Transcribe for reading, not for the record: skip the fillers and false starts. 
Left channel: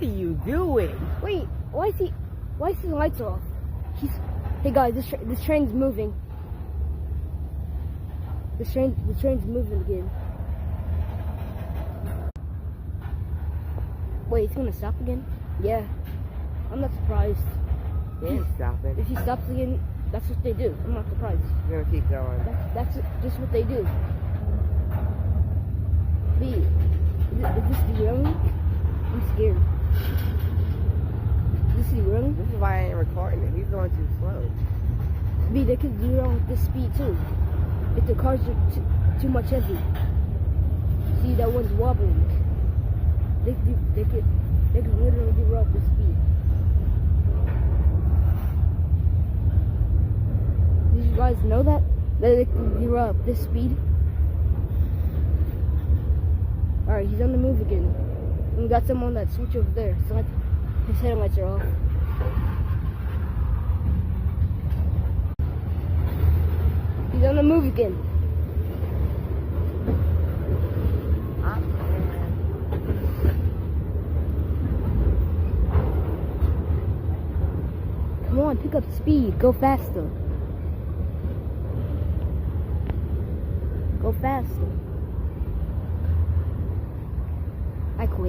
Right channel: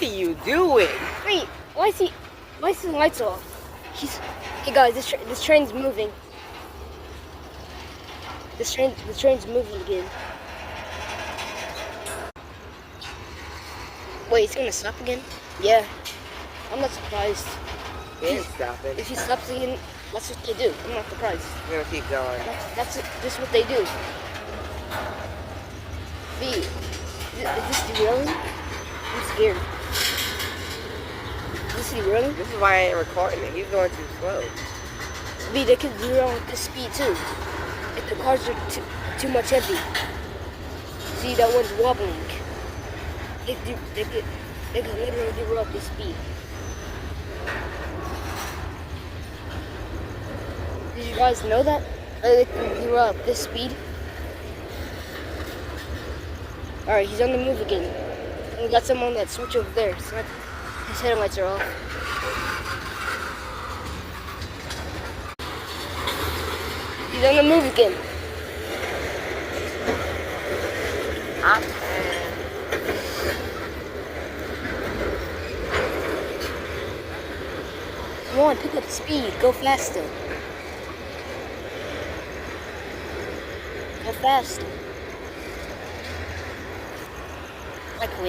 What are you doing? Wait, why is the lights off? Hey guys, this train's moving. The train's moving again. Wait, it's gonna stop again? Yeah. I'm not surprised. Can't stop it. If he stops again, that's what they do. I'm not surprised. We're gonna keep going. That's what they do. B, is this derailing? I'm scared. Is this derailing? This is why I ain't recording it. He's going too slow. B, they could derail with this speed too. If the cars are too much heavy. See, that one's wobbling. They could literally derail at this speed. Did you guys know that? That they can derail at this speed? Alright, he's on the move again. And we got someone on that switch over there. So his headlights are off. He's on the move again. Come on, pick up speed. Go faster. Go faster. I quit.